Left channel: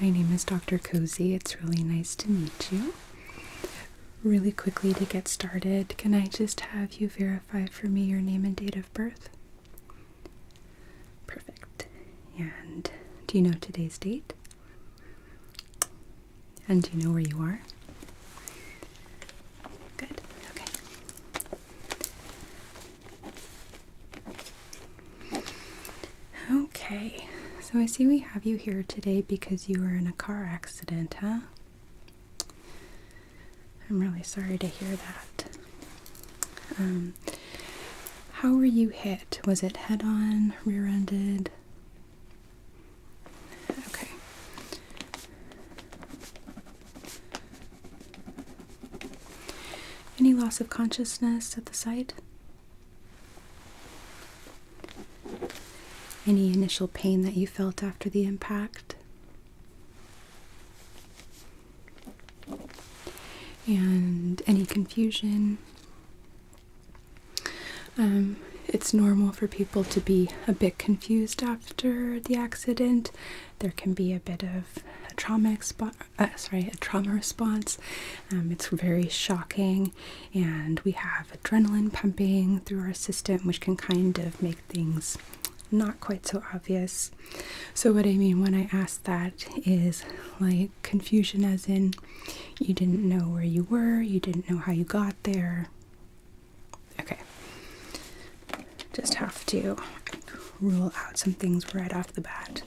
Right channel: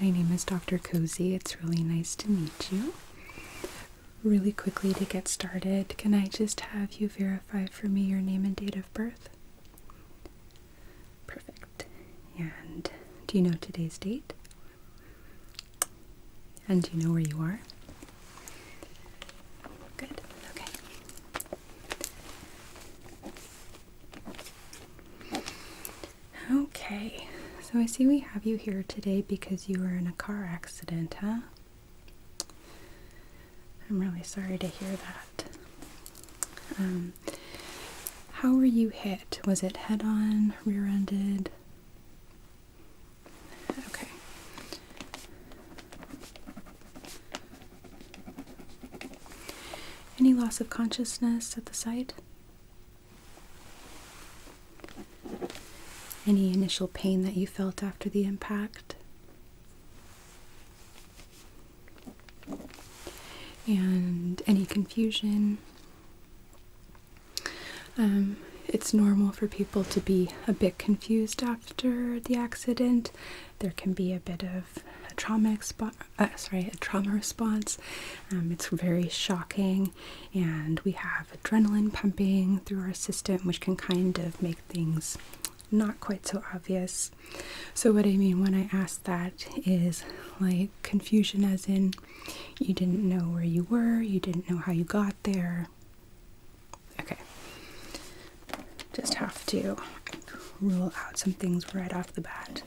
My name is Dr. Cozy. It's really nice to meet you. Really quickly to get started, can I just have you verify for me your name and date of birth? Perfect. And do you know today's date? And do you know where you are? Good. Okay. Okay. So I see we have you here today because you were in a car accident, huh? I'm really sorry to hear that. How were you hit? Was it head-on, rear-ended? Okay. Any loss of consciousness at the site? Any initial pain that you felt after the impact? And any confusion? It's normal for people to be a bit confused after the accident. There can be a bit of a trauma response. It's very shocking, and we have adrenaline pumping through our system, which can kind of make things not quite so obvious. So what I mean when I ask that is like confusion as in you didn't know where you were, you didn't know how you got there. Okay. Just have to rule out some things right off the bat.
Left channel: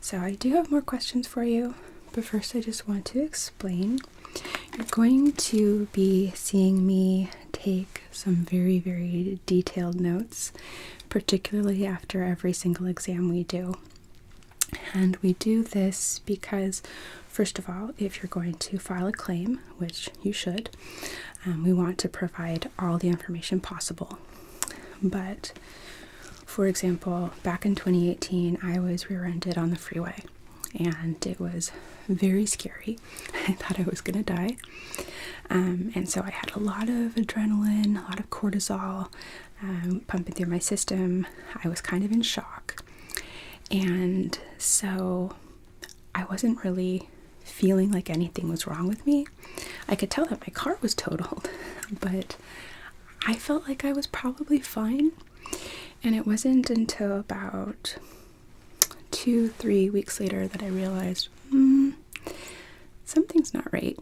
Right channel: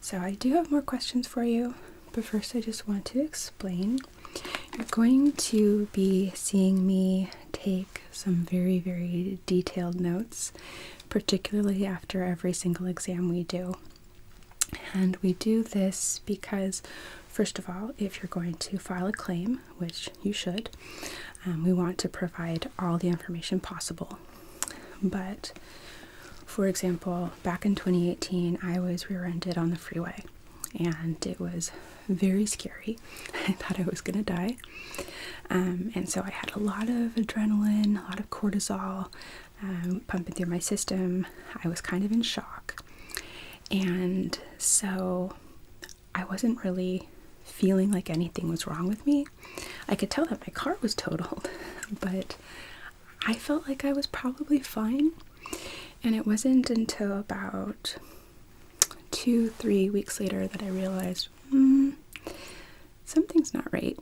So I do have more questions for you, but first I just want to explain. You're going to be seeing me take some very, very detailed notes, particularly after every single exam we do. And we do this because, first of all, if you're going to file a claim, which you should, we want to provide all the information possible. But, for example, back in 2018, I was rear-ended on the freeway, and it was very scary. I thought I was going to die. And so I had a lot of adrenaline, a lot of cortisol pumping through my system. I was kind of in shock. And so I wasn't really feeling like anything was wrong with me. I could tell that my car was totaled, but I felt like I was probably fine. And it wasn't until about 2-3 weeks later that I realized, something's not right.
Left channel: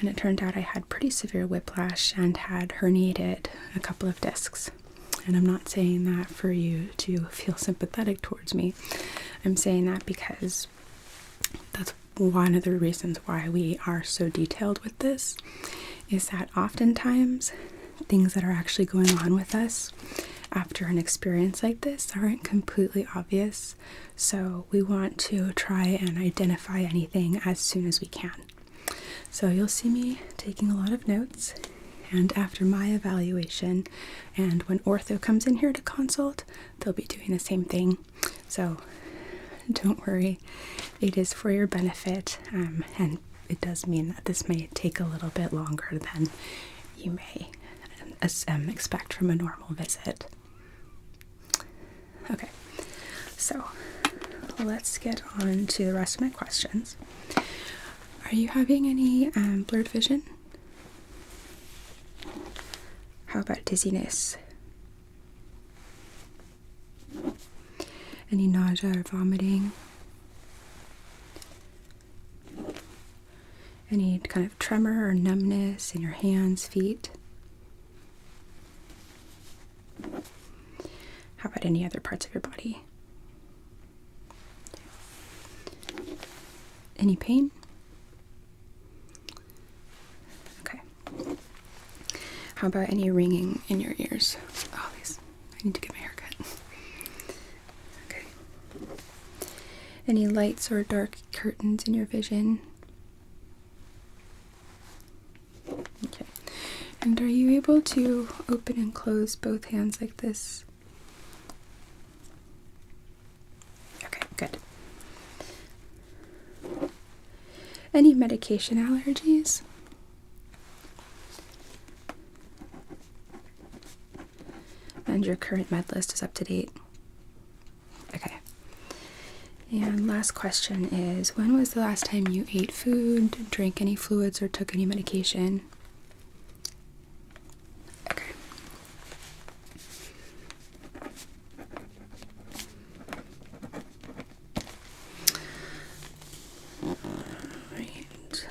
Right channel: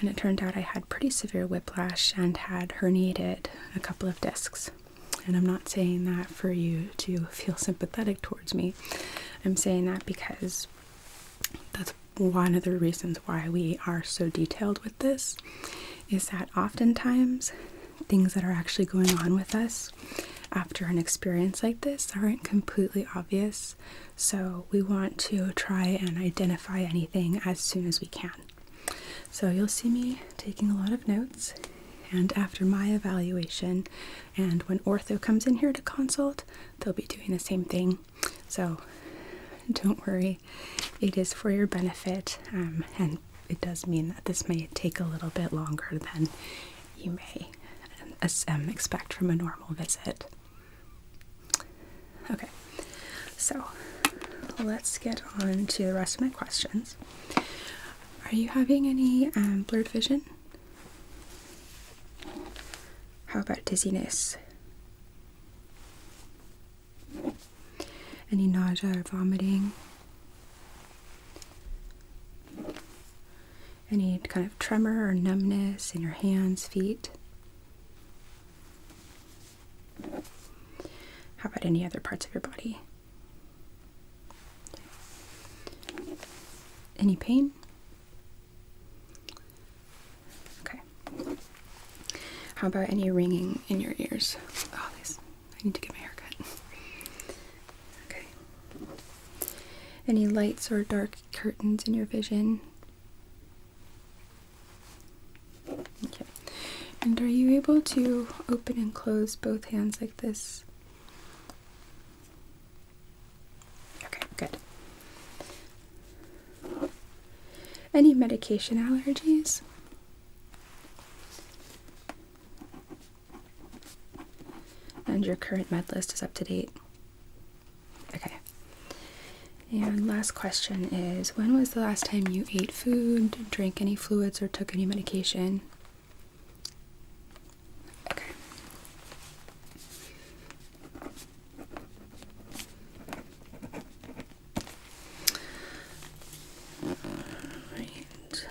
And it turned out I had pretty severe whiplash and had herniated a couple of discs. And I'm not saying that for you to feel sympathetic towards me. I'm saying that because that's one of the reasons why we are so detailed with this, is that oftentimes things that are actually going on with us after an experience like this aren't completely obvious. So we want to try and identify anything as soon as we can. So you'll see me taking a lot of notes, and after my evaluation and when ortho comes in here to consult, they'll be doing the same thing. So don't worry, it is for your benefit, and it does mean that this may take a little bit longer than you may expect from a normal visit. Okay, so let's get on to the rest of my questions. Are you having any blurred vision? How about dizziness? Any nausea or vomiting? Any kind of tremor or numbness in your hands, feet? How about any other parts of your body? Any pain? Okay. How about any ringing in your ears? Oh, I need to get my hair cut. Okay. Any lights or dark curtains in your vision? Okay. And are you able to open and close both hands like this? Okay, good. Any medication allergies? And your current med list is up to date? Okay. And last question is, when was the last time you ate food, drank any fluids, or took any medication? Okay. Alright.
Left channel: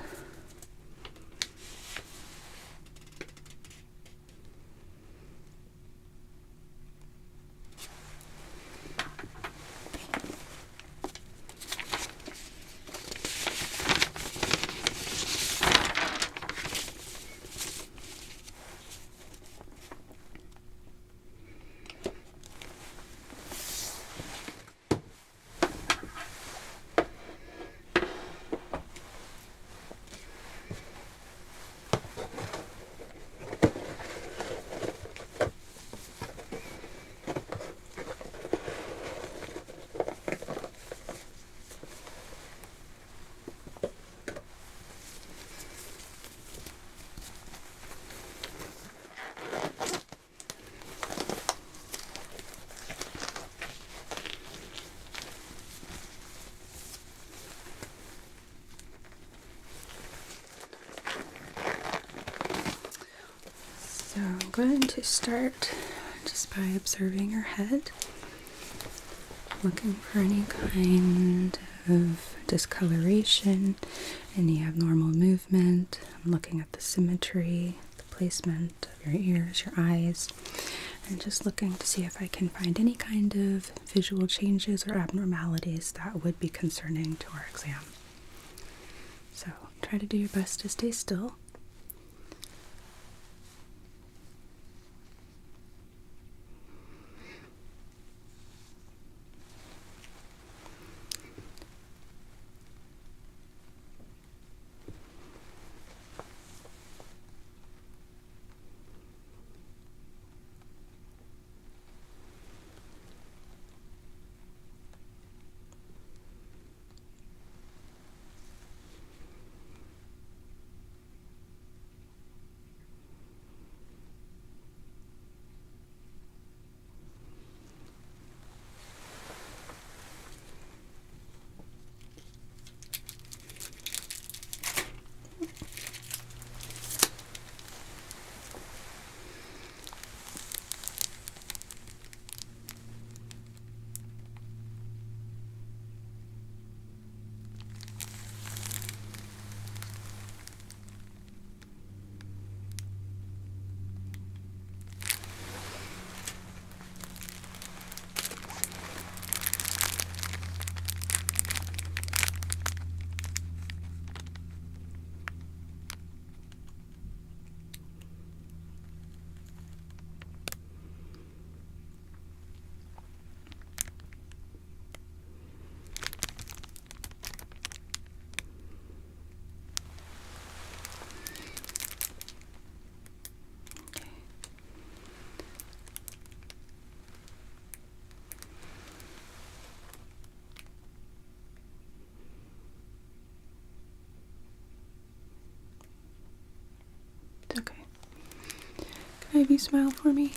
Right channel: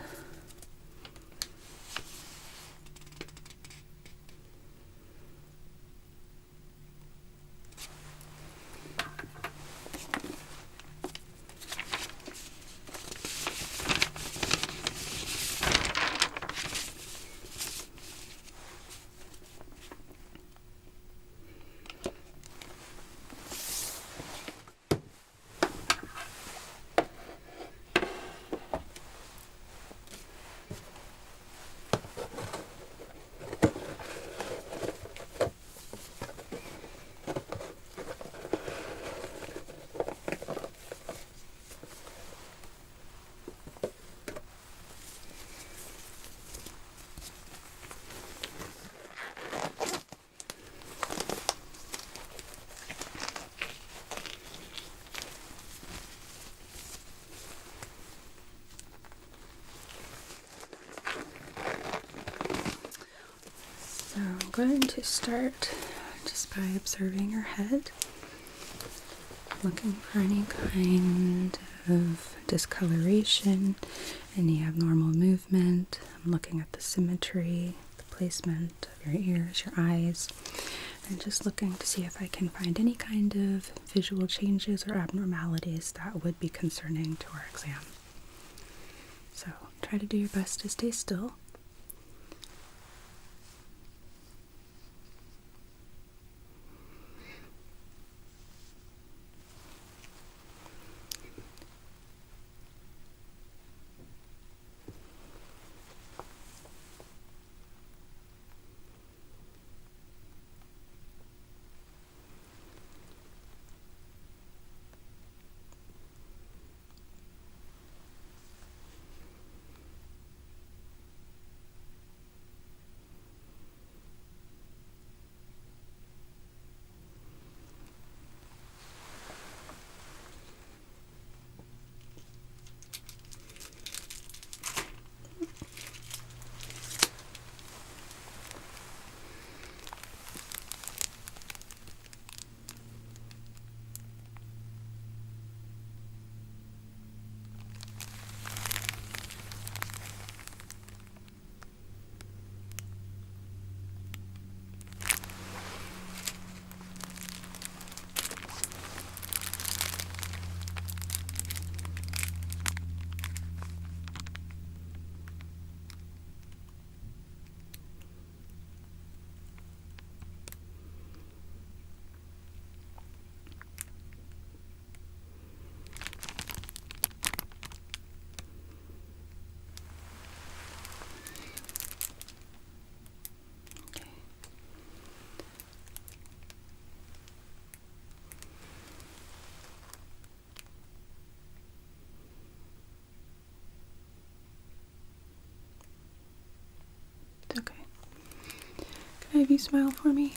So I'm going to start just by observing your head, looking for any kind of discoloration, any abnormal movement. I'm looking at the symmetry, the placement of your ears, your eyes, and just looking to see if I can find any kind of visual changes or abnormalities that would be concerning to our exam. So try to do your best to stay still. Okay. Can I have you smile for me?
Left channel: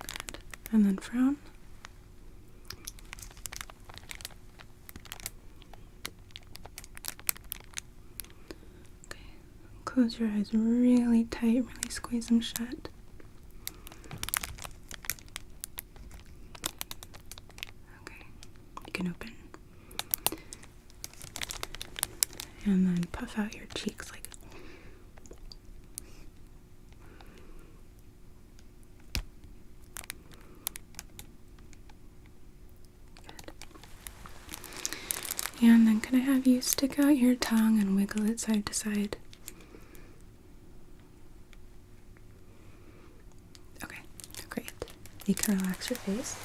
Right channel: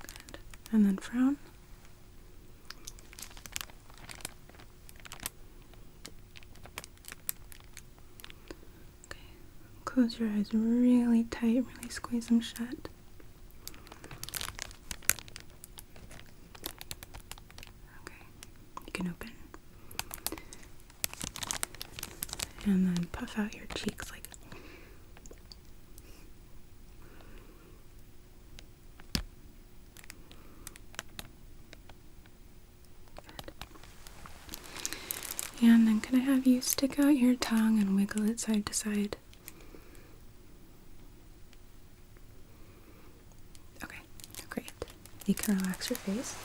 Good. And then frown. Okay. Close your eyes really tight, really squeeze them shut. Okay. You can open. And then puff out your cheeks like good. And then can I have you stick out your tongue and wiggle it side to side? Okay, great. You can relax your face.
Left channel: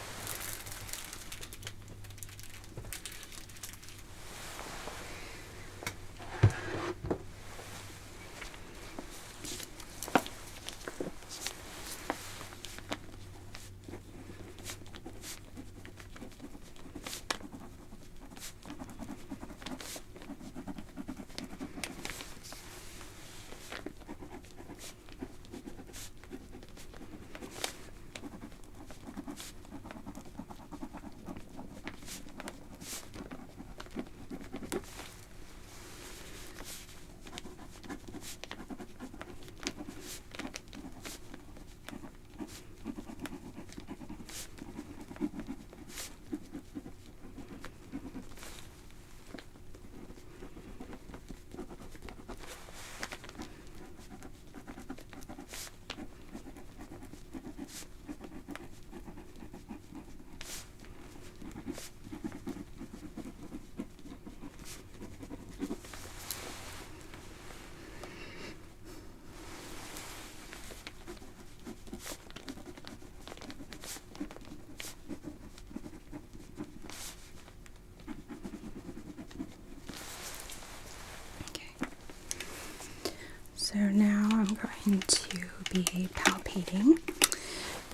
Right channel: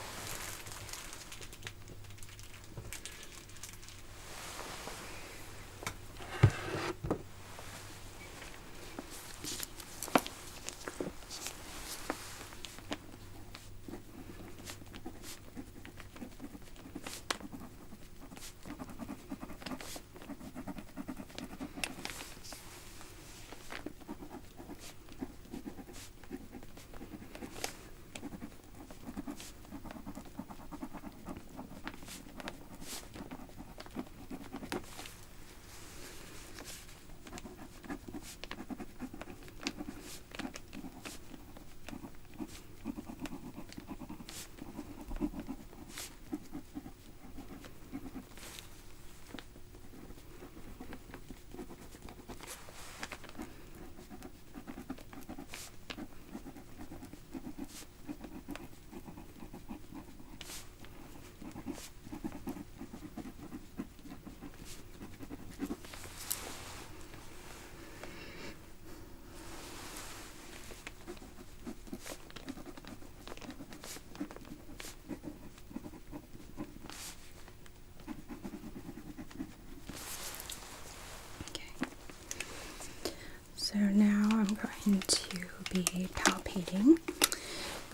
So now I'm going to be palpating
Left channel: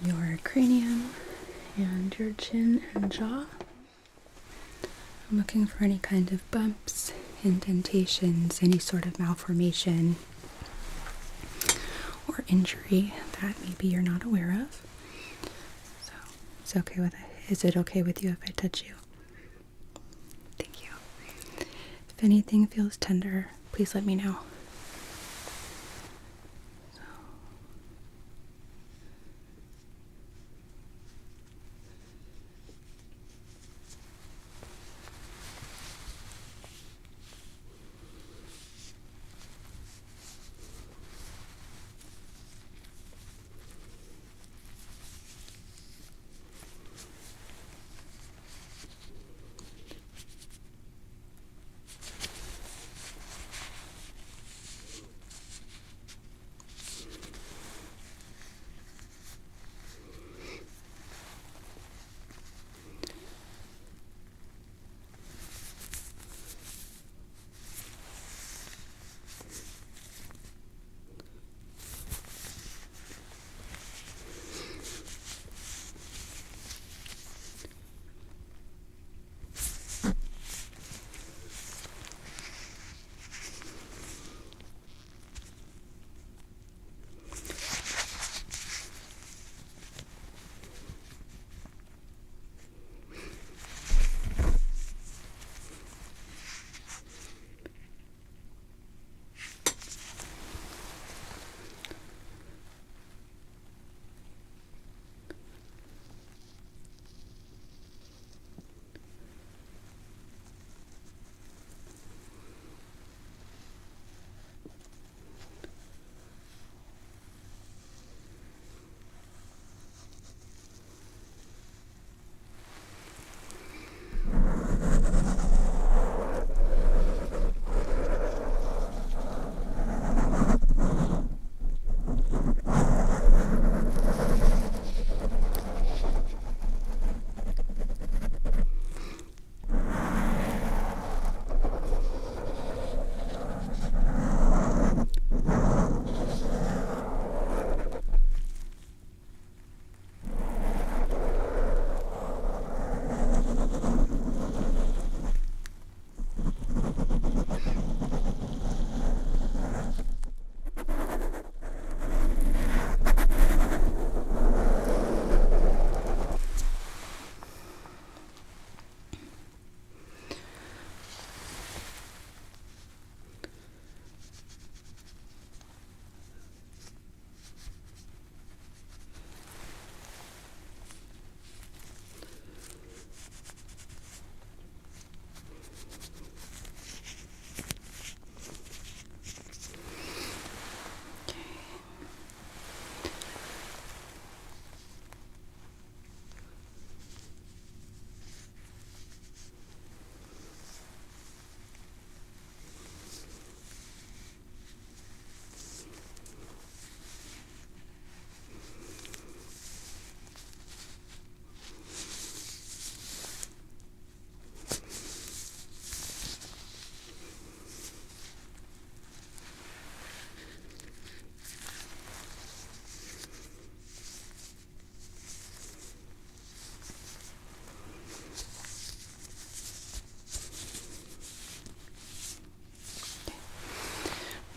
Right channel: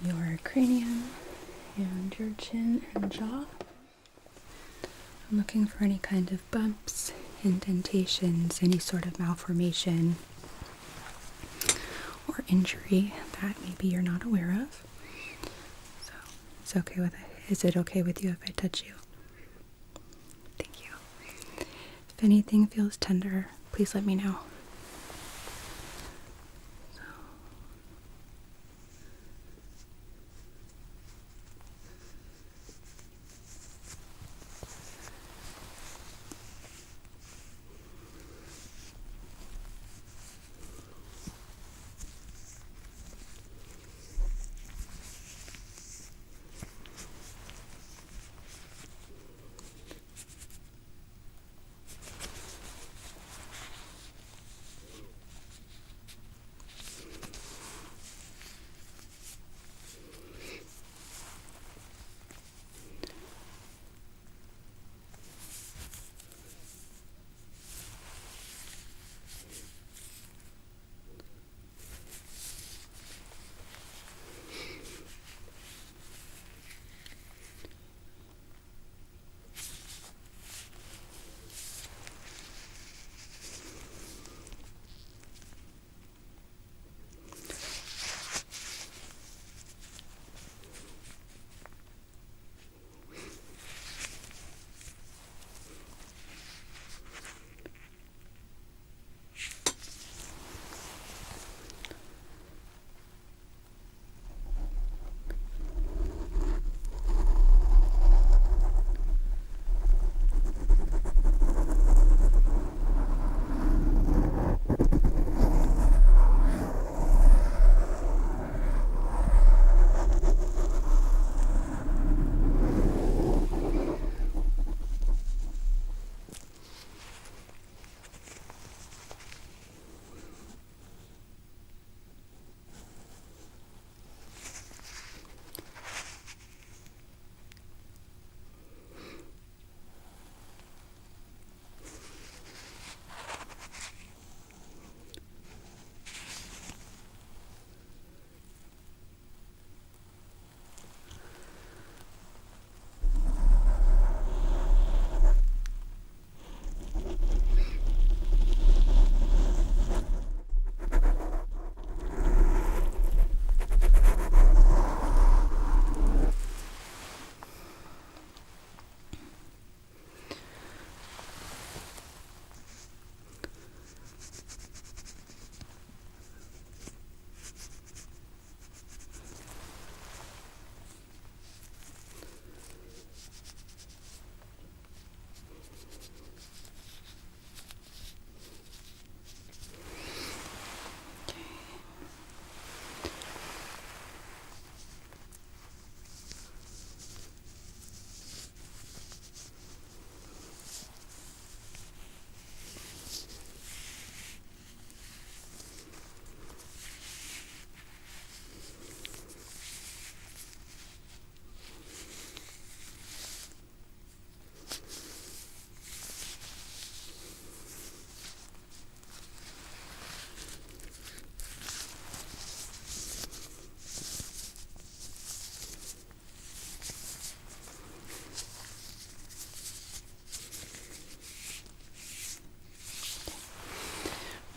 your cranium and your chin and jaw. I'm looking for any kind of bumps, indentations, any sort of malformation or injury that maybe you're not aware of. So it's okay with it. Is it okay with you if I touch you? Thank you. If anything feels tender, please let me know.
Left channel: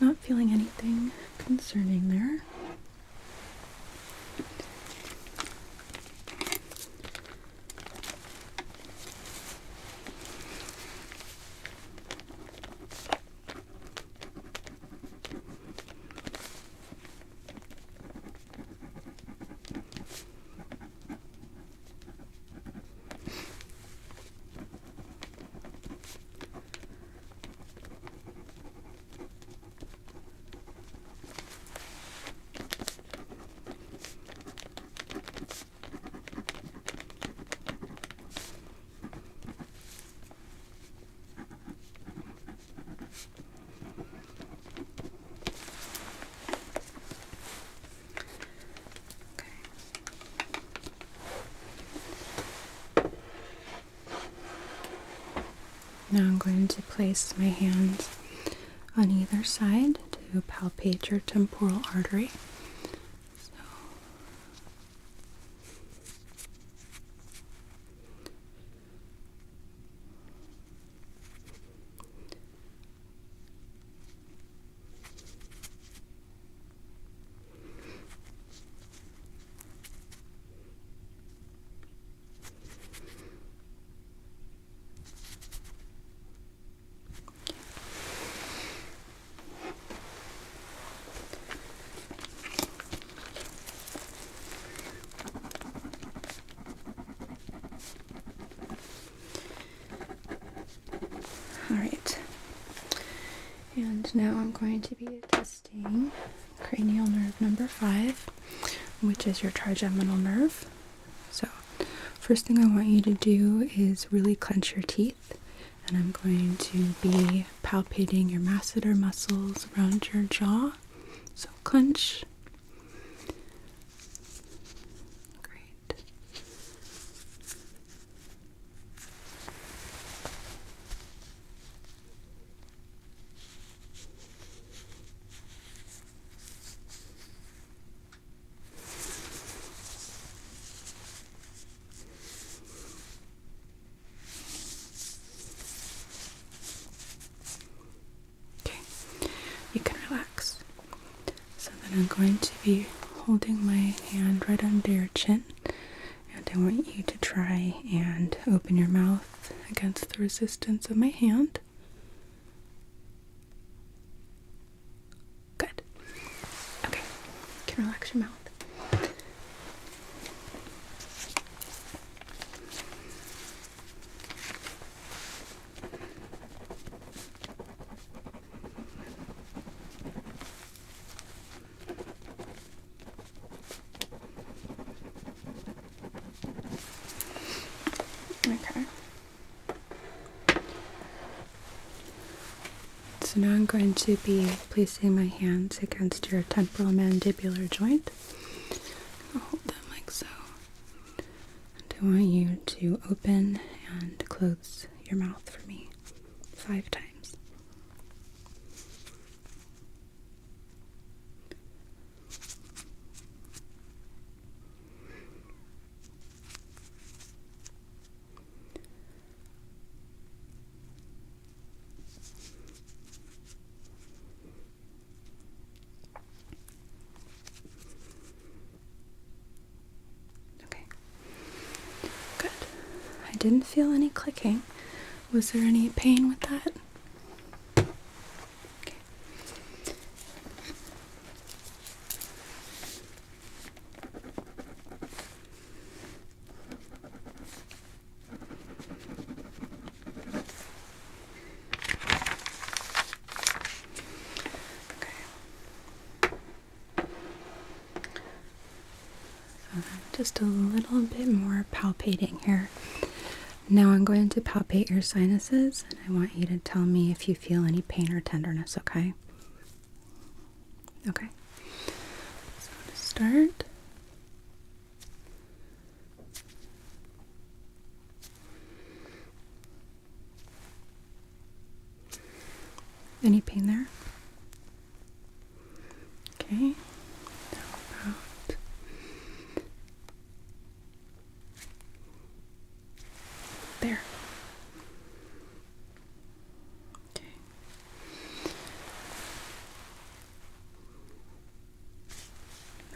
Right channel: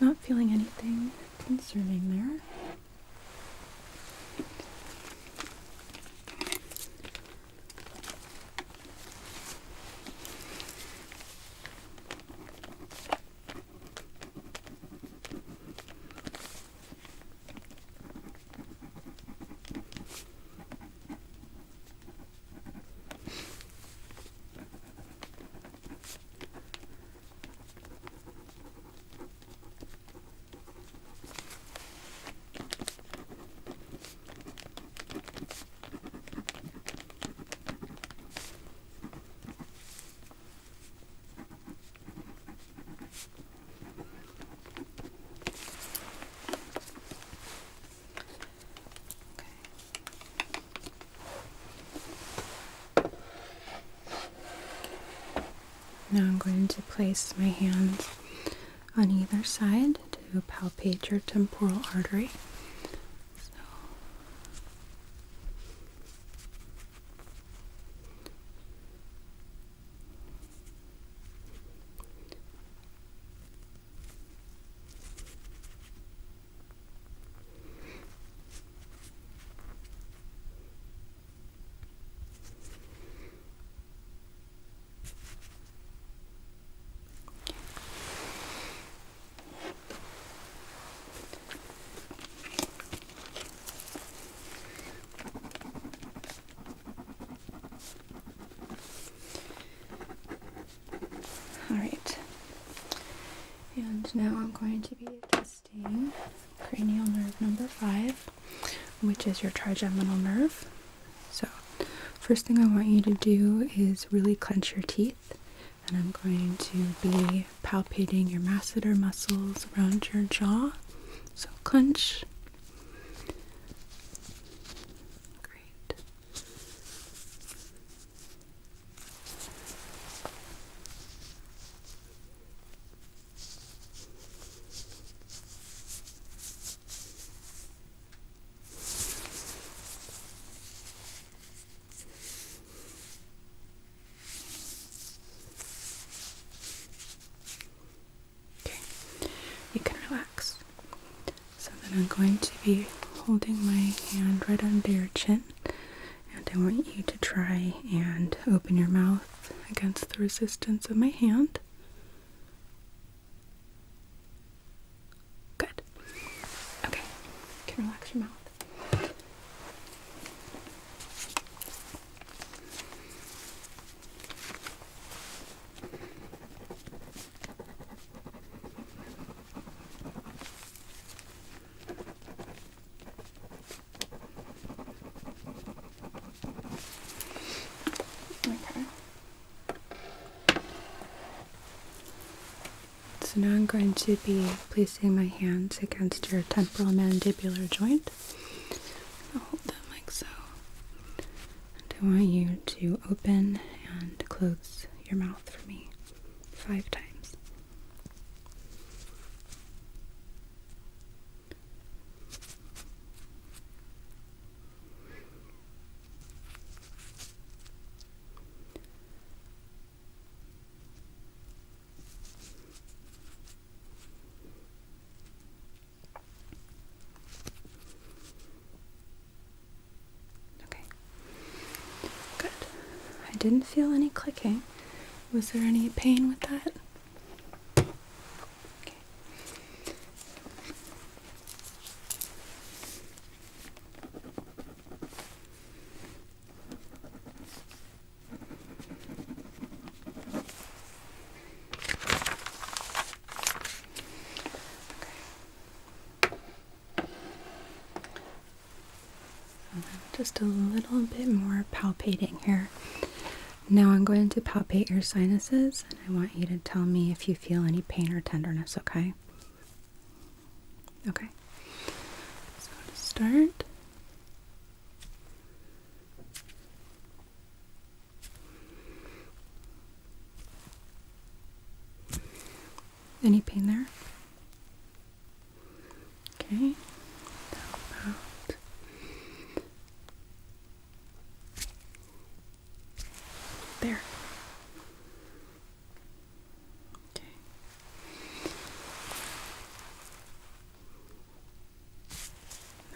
Not feeling anything concerning there. Now I'm going to place my hands on either side to to palpate your temporal artery. Alright, and now I'm going to be testing cranial nerve number 5, which is your trigeminal nerve. So, first thing I want you to do is really clench your teeth, and I'm going to be palpating your masseter muscles around your jaw. So, clench. Great. You can relax. So then I'm going to be holding my hand right under your chin, and I want you to try and open your mouth against the resistance of my hand. Good. Okay, you can relax your mouth. Okay. So now I'm going to be placing my hands against your temporomandibular joint. I'll hold them like so. And I want you to open and close your mouth for me 5 times. Good. I didn't feel any clicking. Was there any pain with that? Okay. Just a little bit more palpating here. Now I'm going to palpate your sinuses, and I want you to tell me if you feel any pain or tenderness, okay? Okay. So to start, any pain there? Okay. How about there? Okay.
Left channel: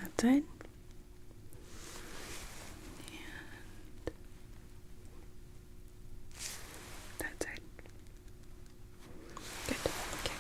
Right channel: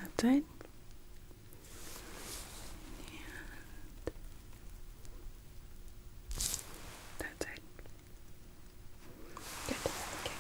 That side. And that side. Good. Okay.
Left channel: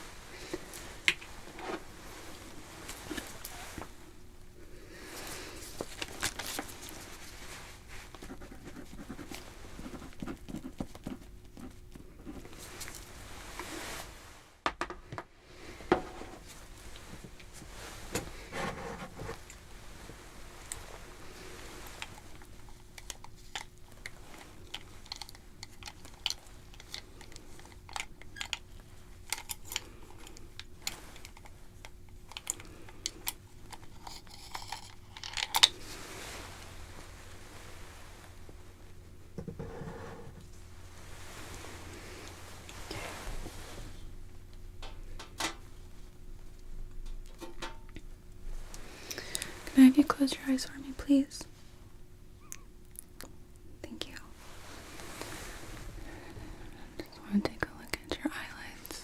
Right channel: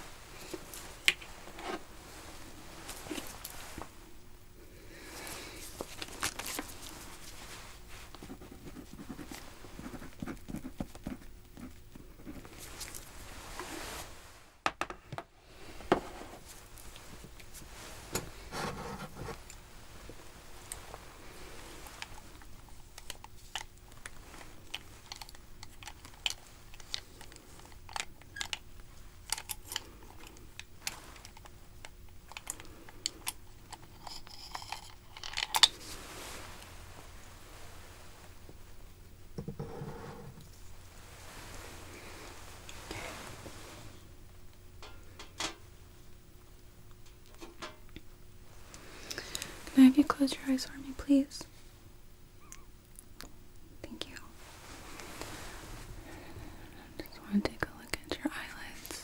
Can I have you close your eyes for me, please? Thank you. Just want to take a look at your eyelids.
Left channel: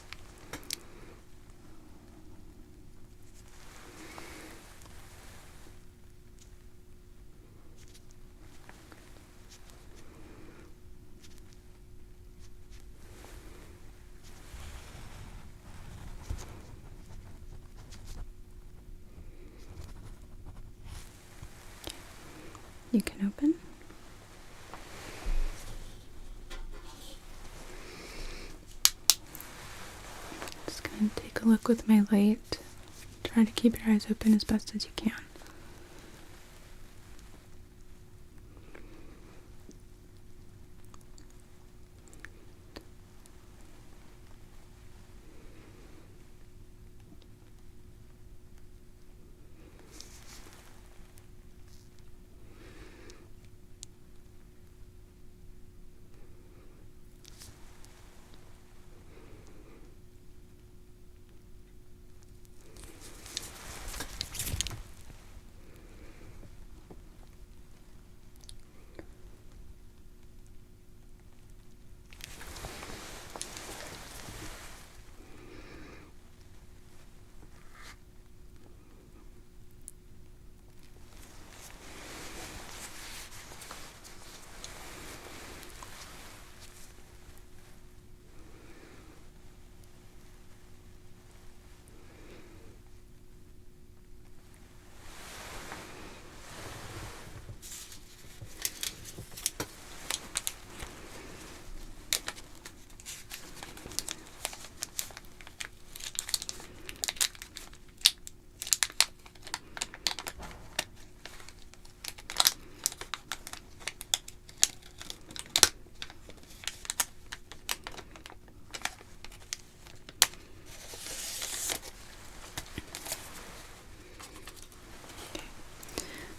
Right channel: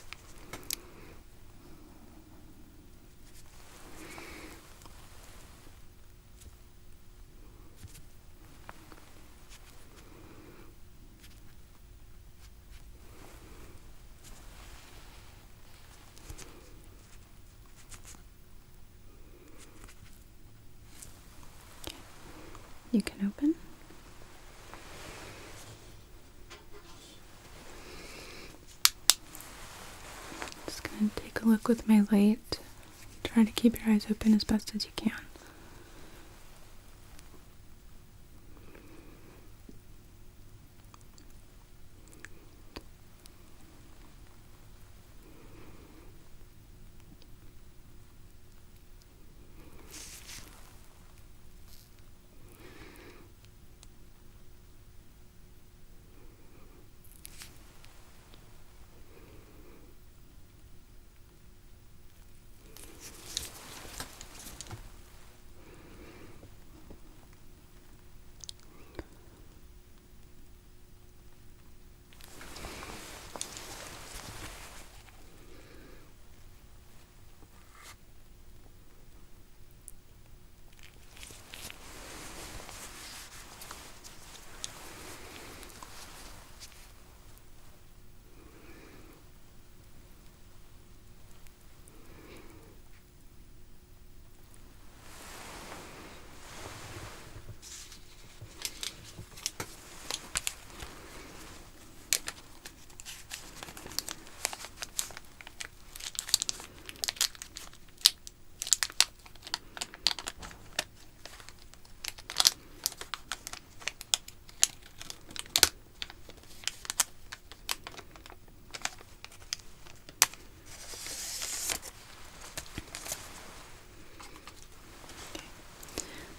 You can open. Just going to take a look with my light. Try to keep your eyes open as best as you can.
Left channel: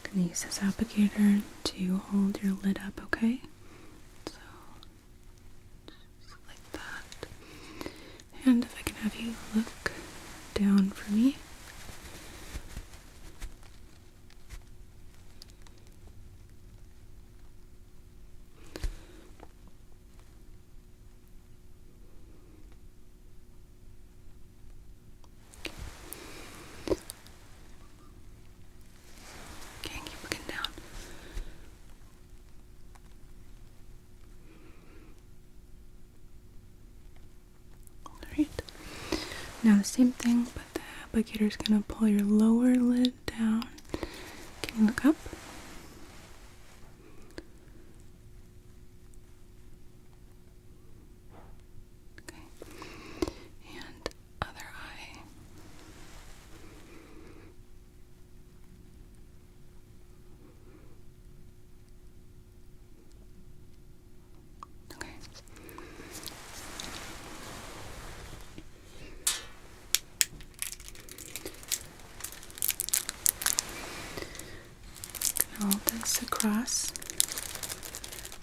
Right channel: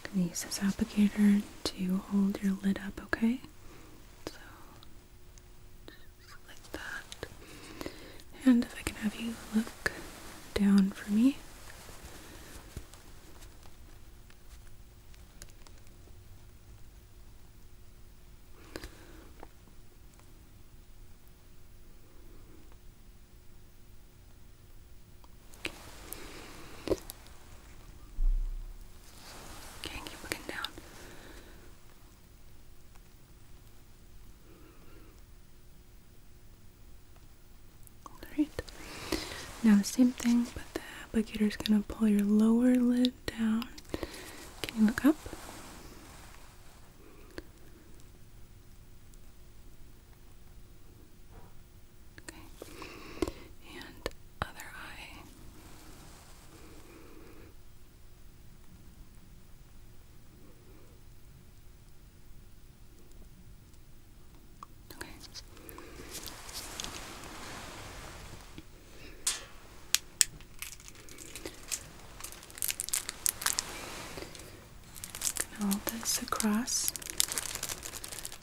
I'm going to use this applicator to hold your lid up, okay? So, just like that. And if I can have you look down for me. Now the same thing, but the applicator is going to pull your lower lid down. Can you look up? Okay. And other eye. Okay. Hold this across,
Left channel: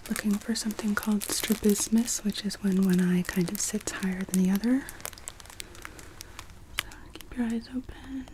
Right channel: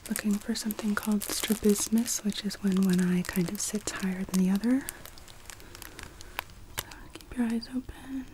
looking for something called strabismus, which is when one eye kind of sits higher than the other. Keep your eyes open.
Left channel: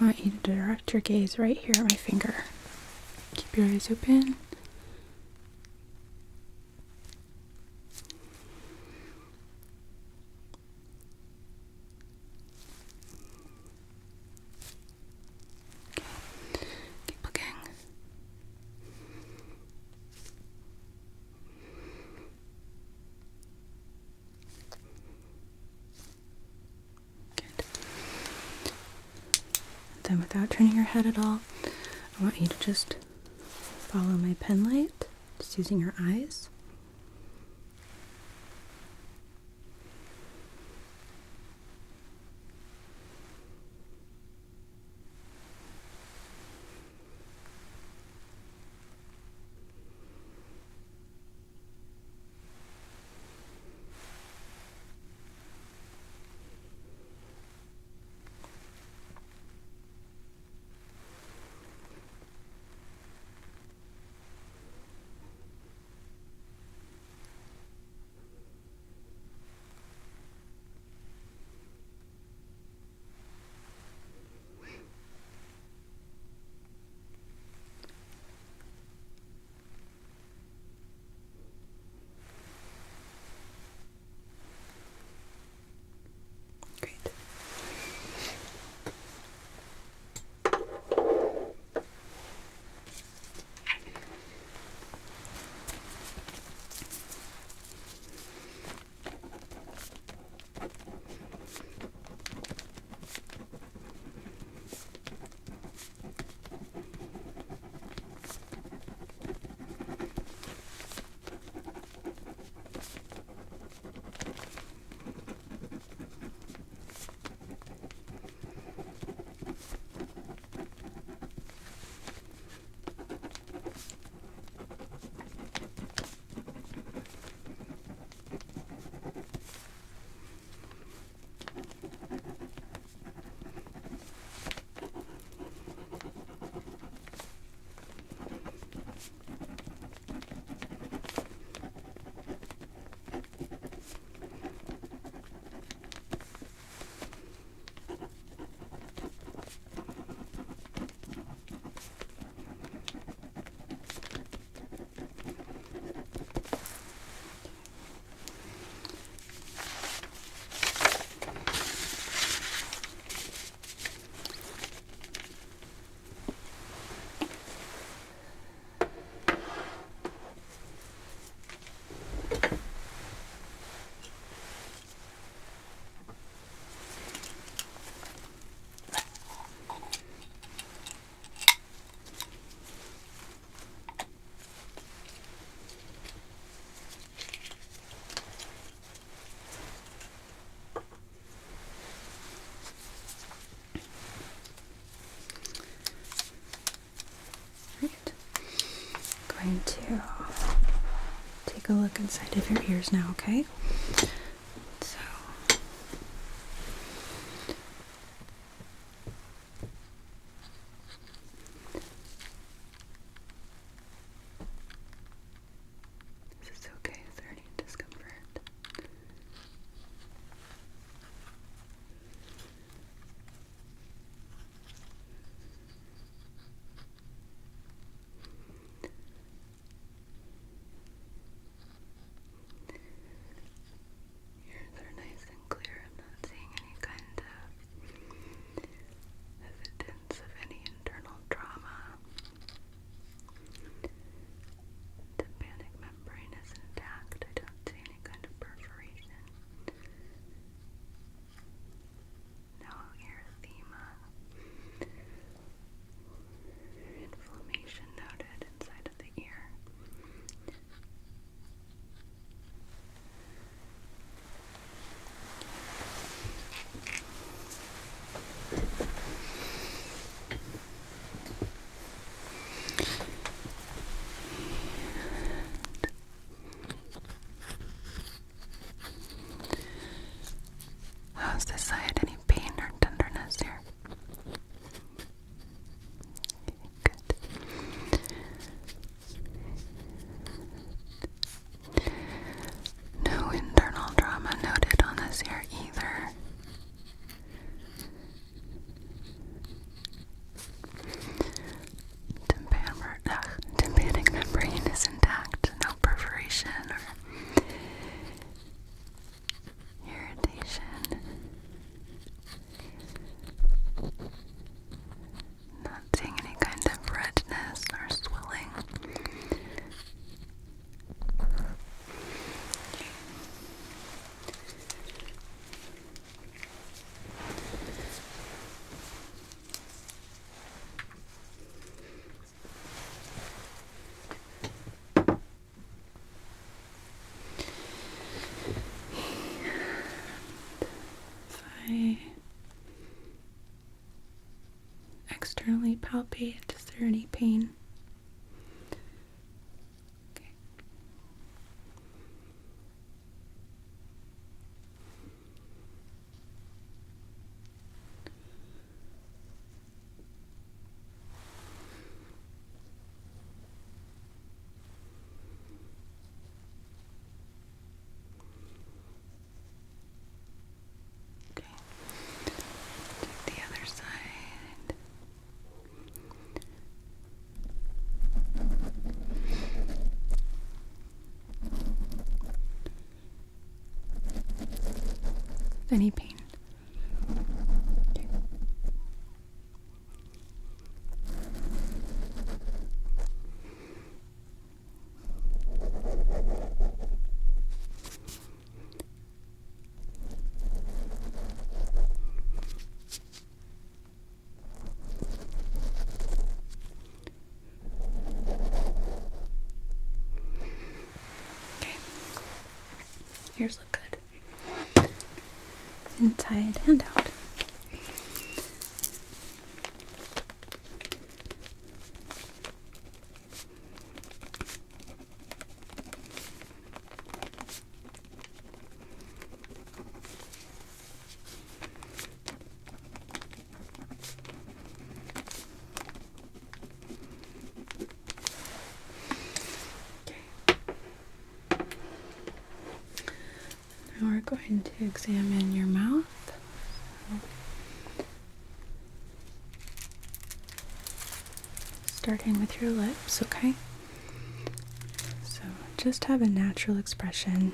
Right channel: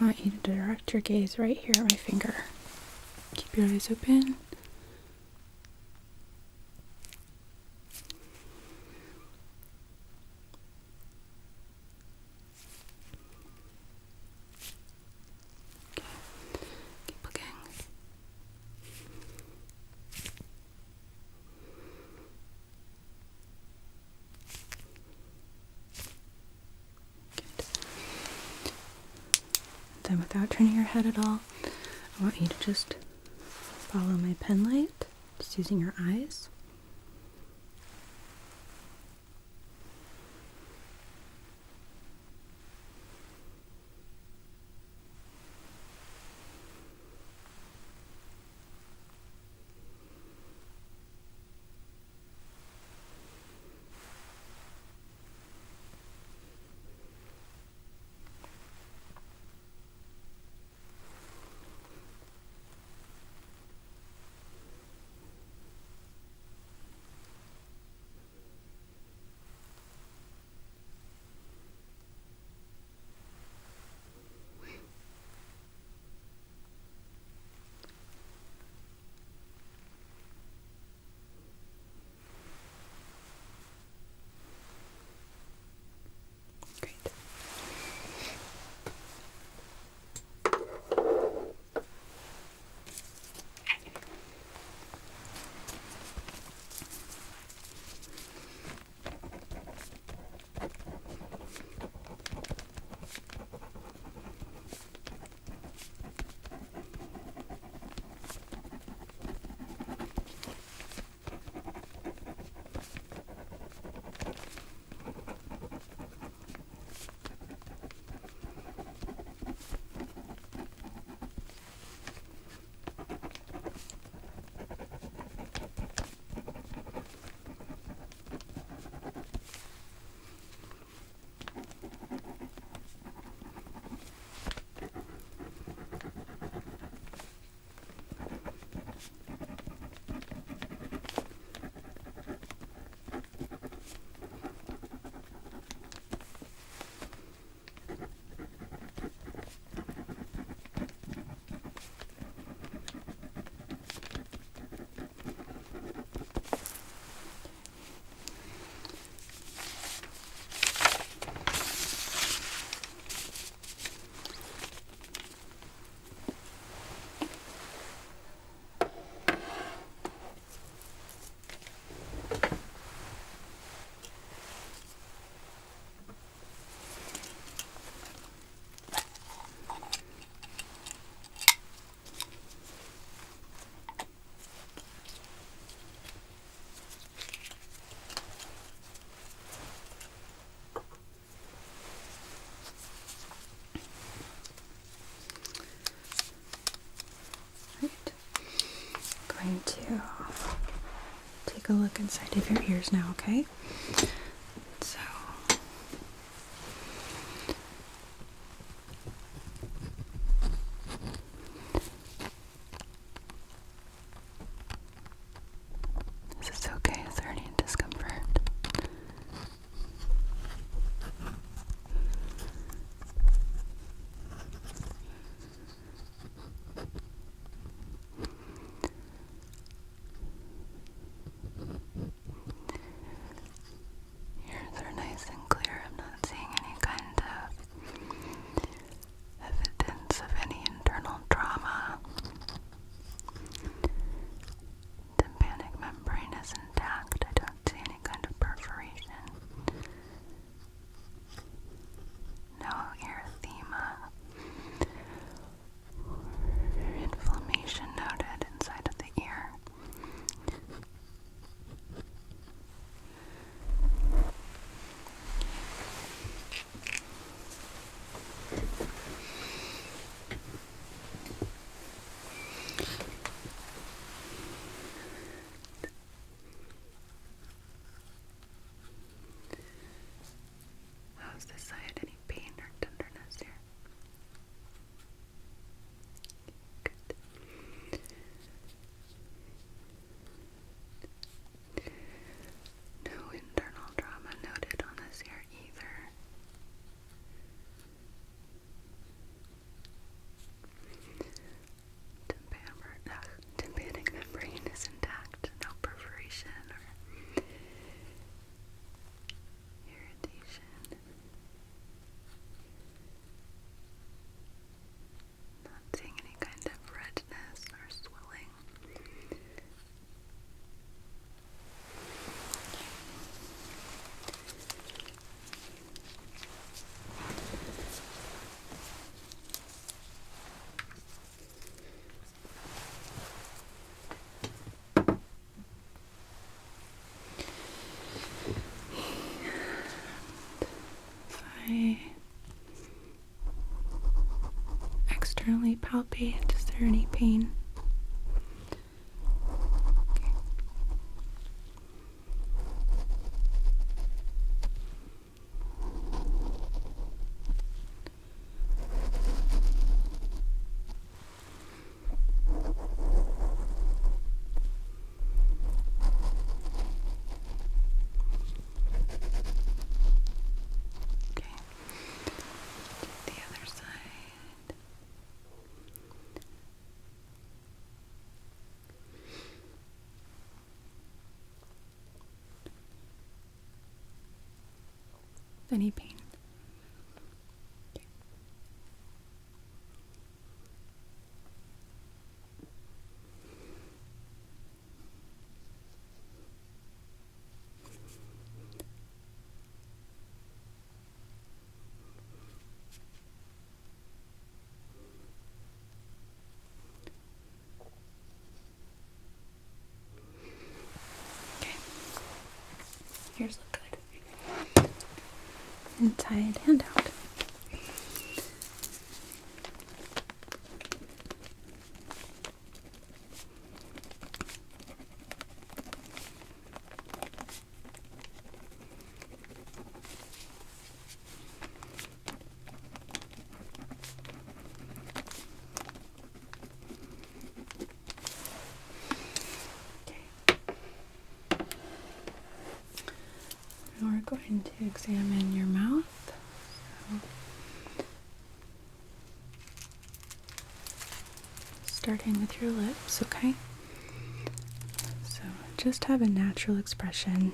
I want you to direct your gaze right here at my finger. Keep your eyes open. without turning your head at all, I want you to just follow my pen light, just using your eyes. Great. Going to take a look inside of your ears now, okay? So, is this okay? Is there any discomfort? palpate. Is there any pain? Okay. Okay. The other side. Any pain? Okay. Okay. Ears look good. Inside and out. Now we're going to examine your mouth. Starting with your lips, okay? So just have a natural expression.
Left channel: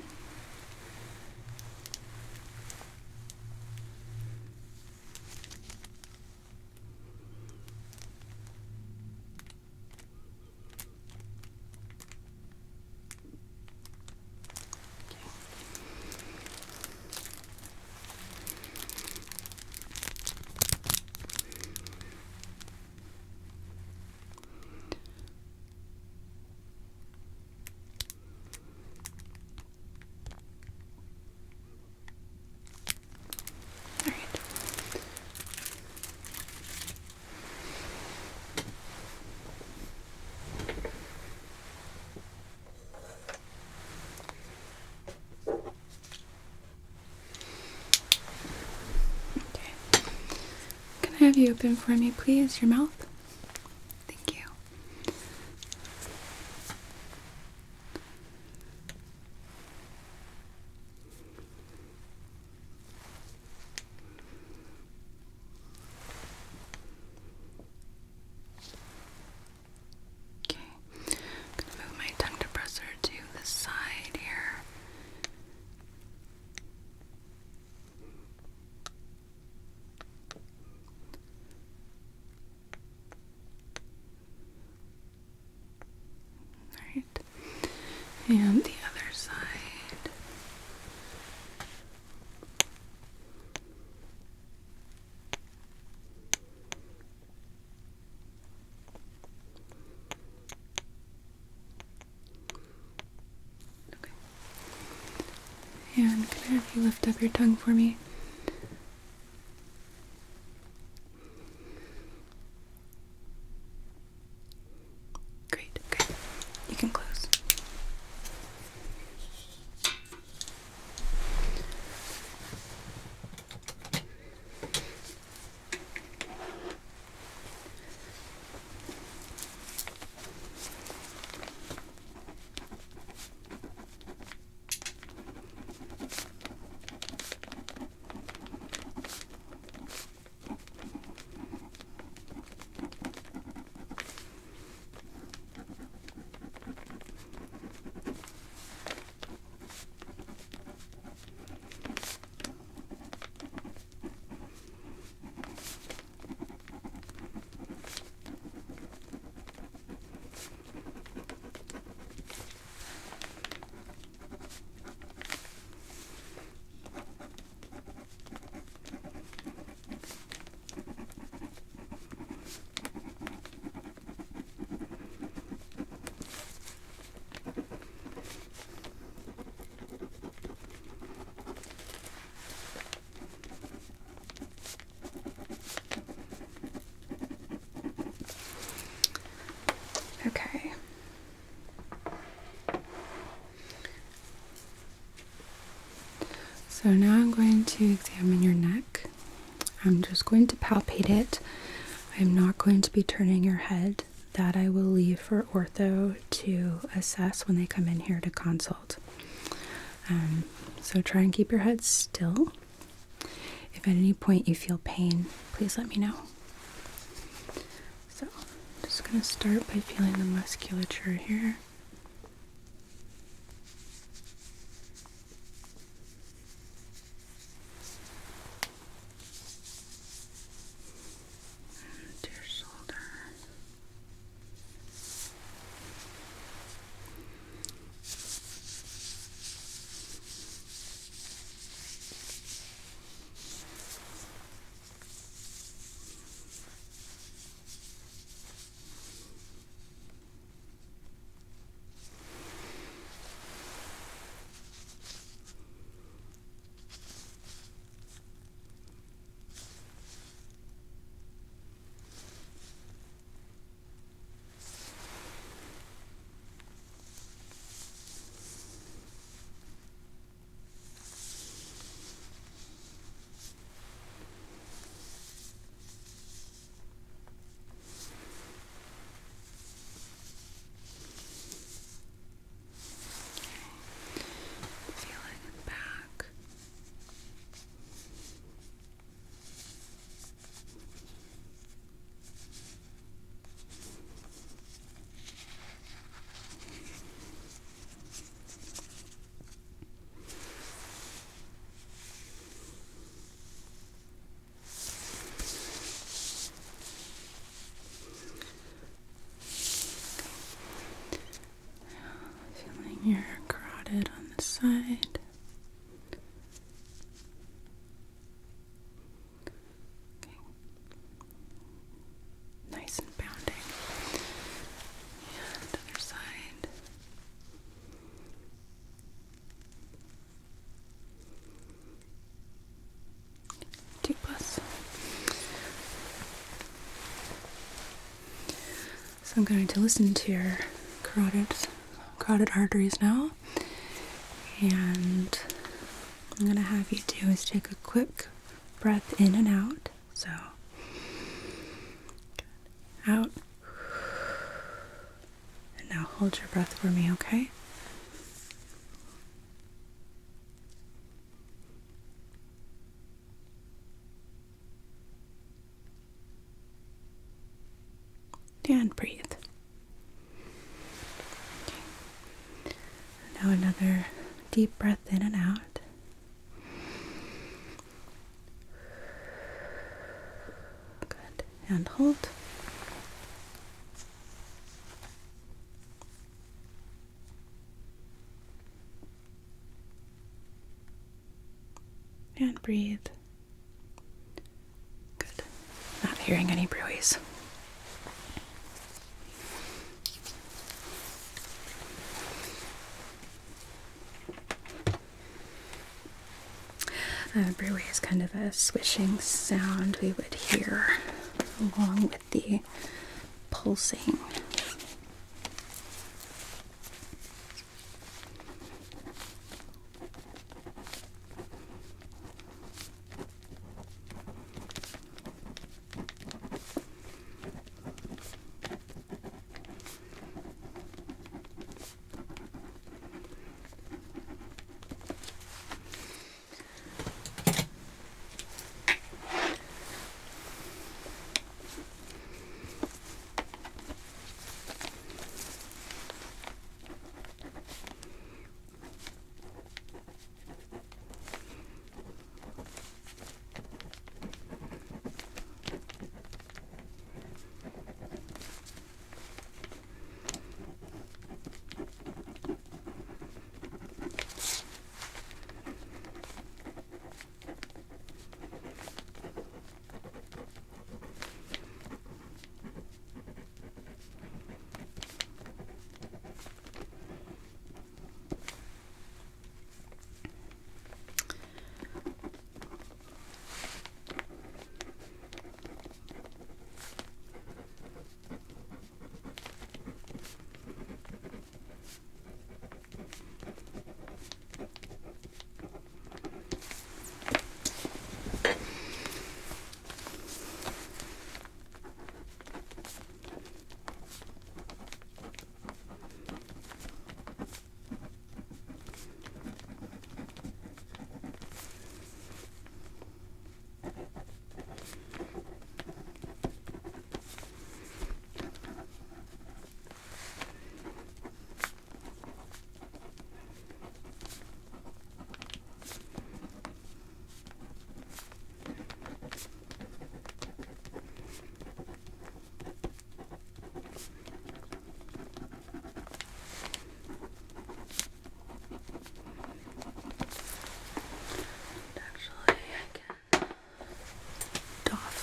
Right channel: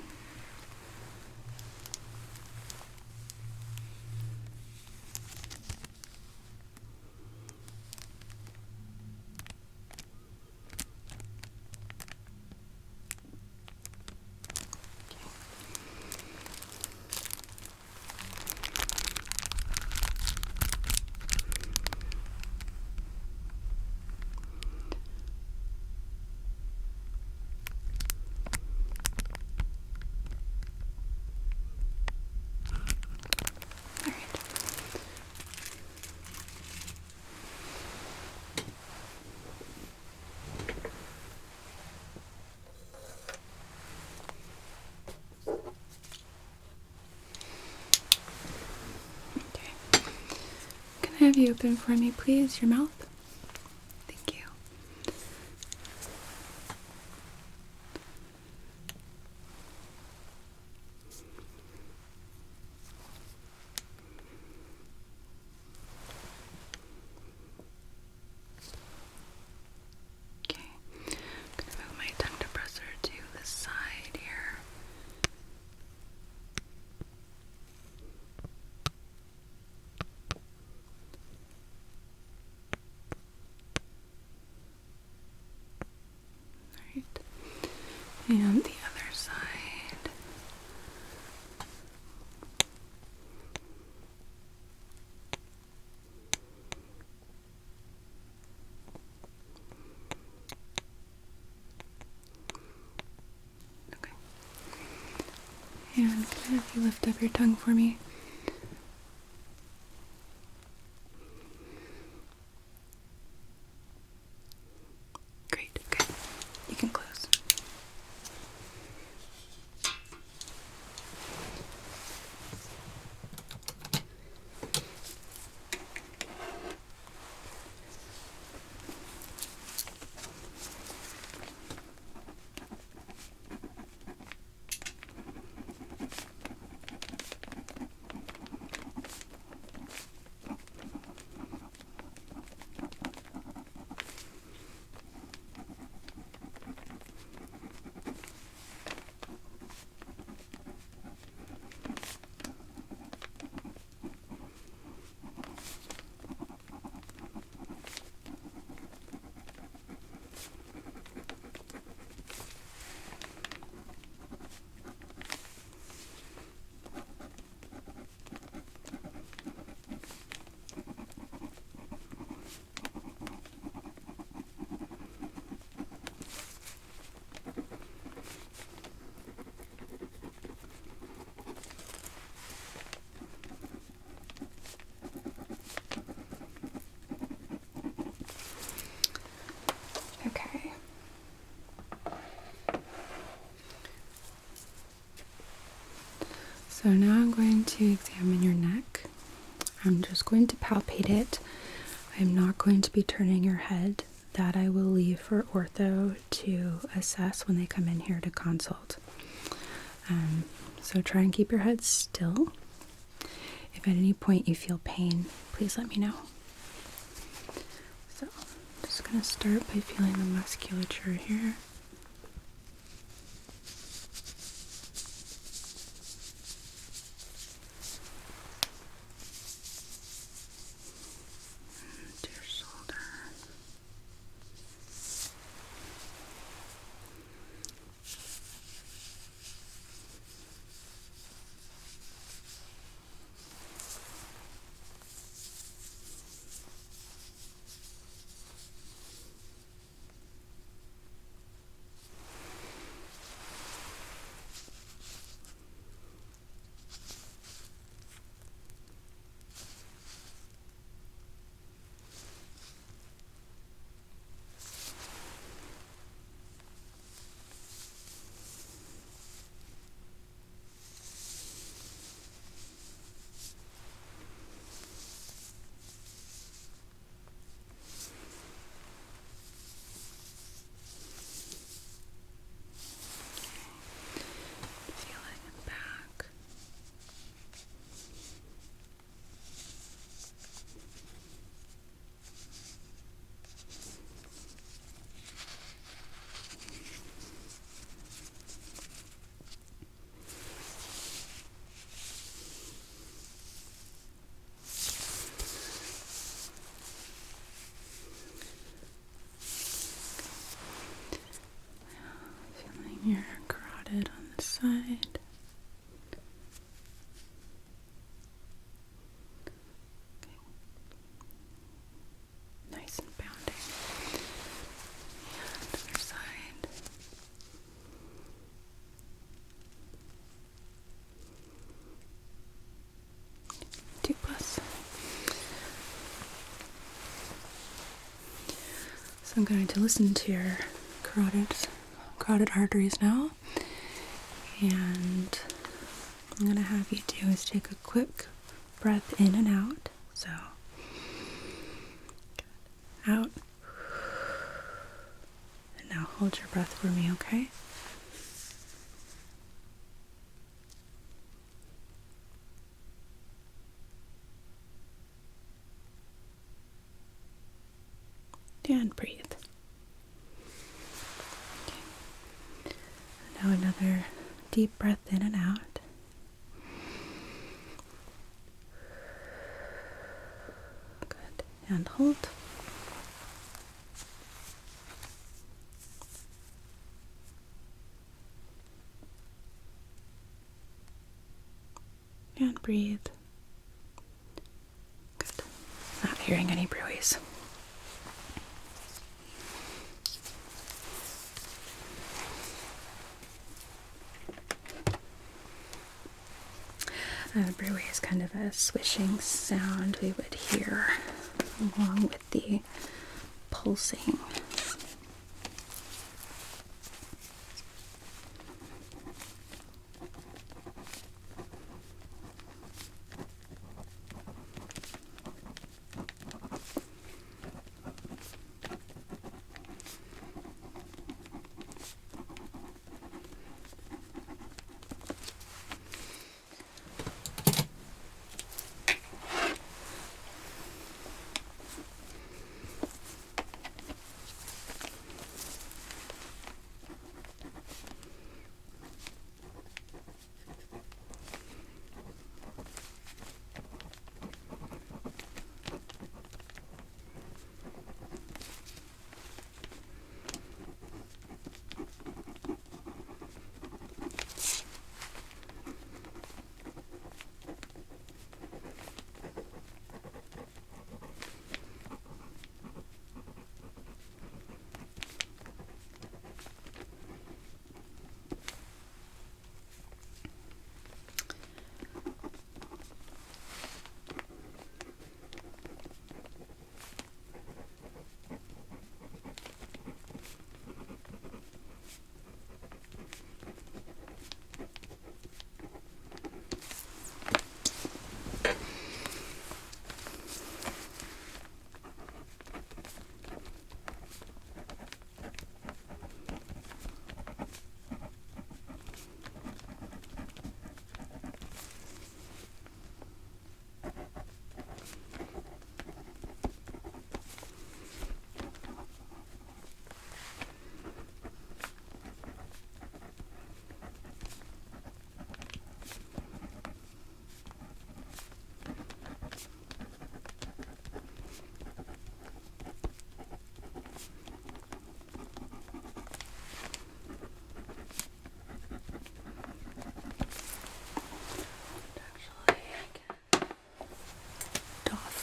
All right. Okay. Can I have you open for me, please? Your mouth? Thank you. Okay. I'm gonna move my tongue depressor to the side here. Alright. And the other side. Okay. And can I have you lift up your tongue for me? Great, good. You can close. So now I'm going to examine your neck. I'm just going to palpate it. I'm not going to be turning your head. That I will leave for ortho to assess when they come in here to consult. So try and keep your head still. If at any point you feel pain, please let me know. So I'm just going to start by feeling the musculature here. Your carotid on the side. Okay. Nice and pounding. And other side. Deep breath. So I'm going to listen to your carotid arteries now, and I'm going to have you do is take a quick breath in and out. So out, and now hold your breath for me, okay? And breathe. Now another deep breath in and out. Good. And hold. And breathe. Good. Not hearing any bruise. Bruit is kind of a swishing sound we would hear along with the pulsing.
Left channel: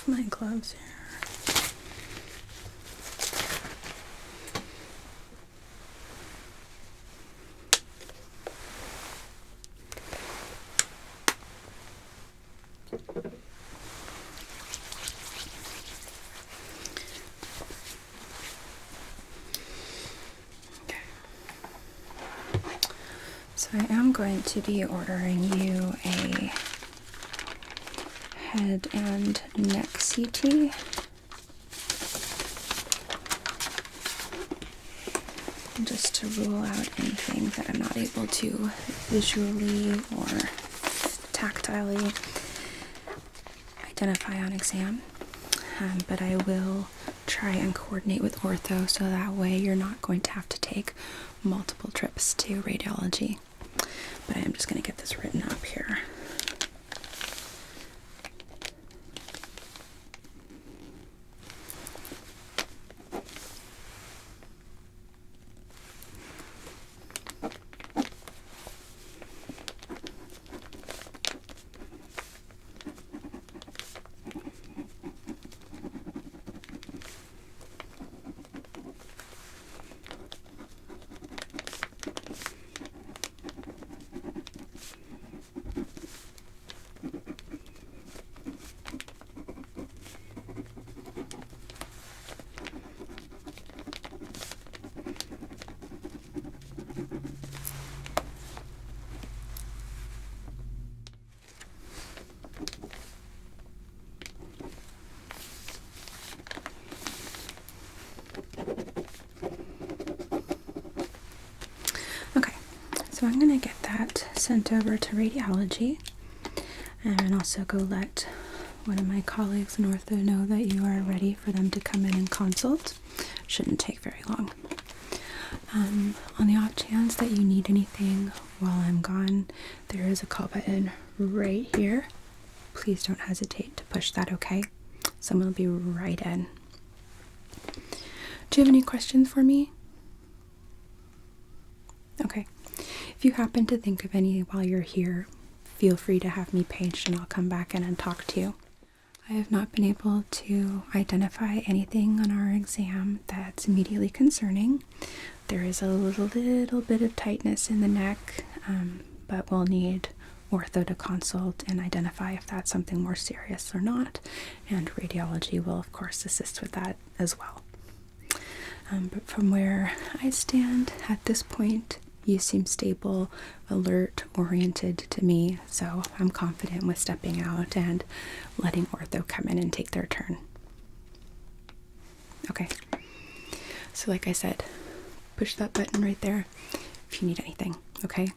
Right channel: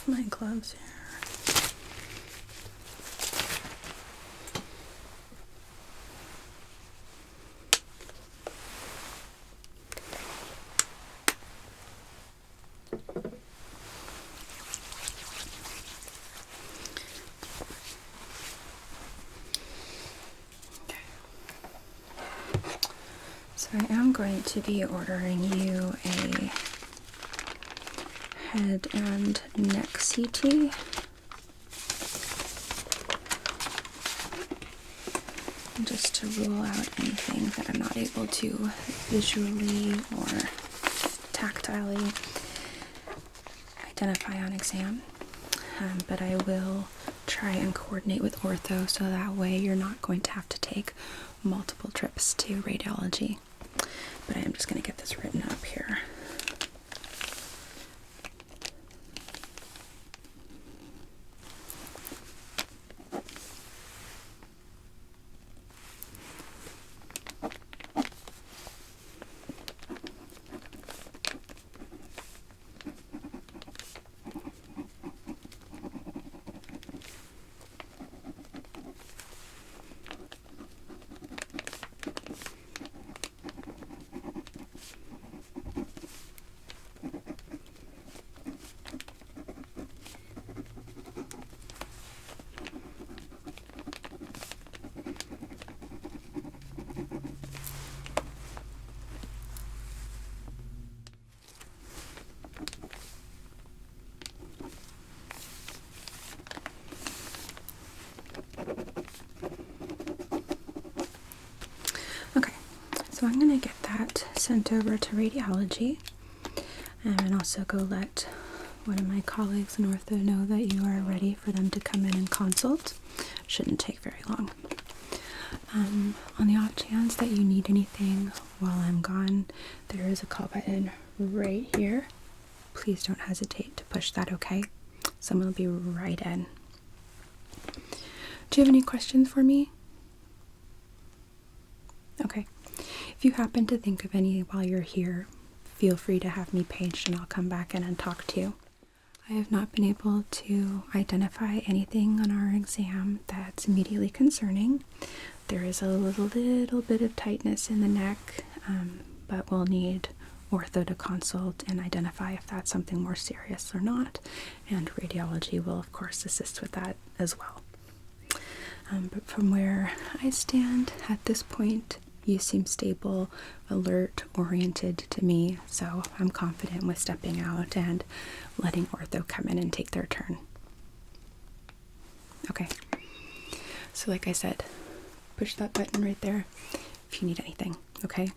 my gloves here. So I am going to be ordering you a head and neck CT. Just to rule out anything that I'm not able to visually or tactilely identify on exam. But I will try and coordinate with ortho so that way you're not going to have to take multiple trips to radiology. But I am just going to get this written up here. Okay, so I'm going to get that sent over to radiology and also go let one of my colleagues in ortho know that you are ready for them to come in and consult. Shouldn't take very long. On the off chance that you need anything while I'm gone, there is a call button right here. Please don't hesitate to push that, okay? Someone will be right in. Do you have any questions for me? Okay. If you happen to think of any while you're here, feel free to have me paged and I'll come back in and talk to you. I have not been able to identify anything on our exam that's immediately concerning. There is a little bit of tightness in the neck, but we'll need ortho to consult and identify if that's something more serious or not, and radiology will of course assist with that as well. But from where I stand at this point, you seem stable, alert, oriented to me, so I'm confident with stepping out and letting ortho come in and take their turn. Okay, so like I said, push that button right there if you need anything, okay?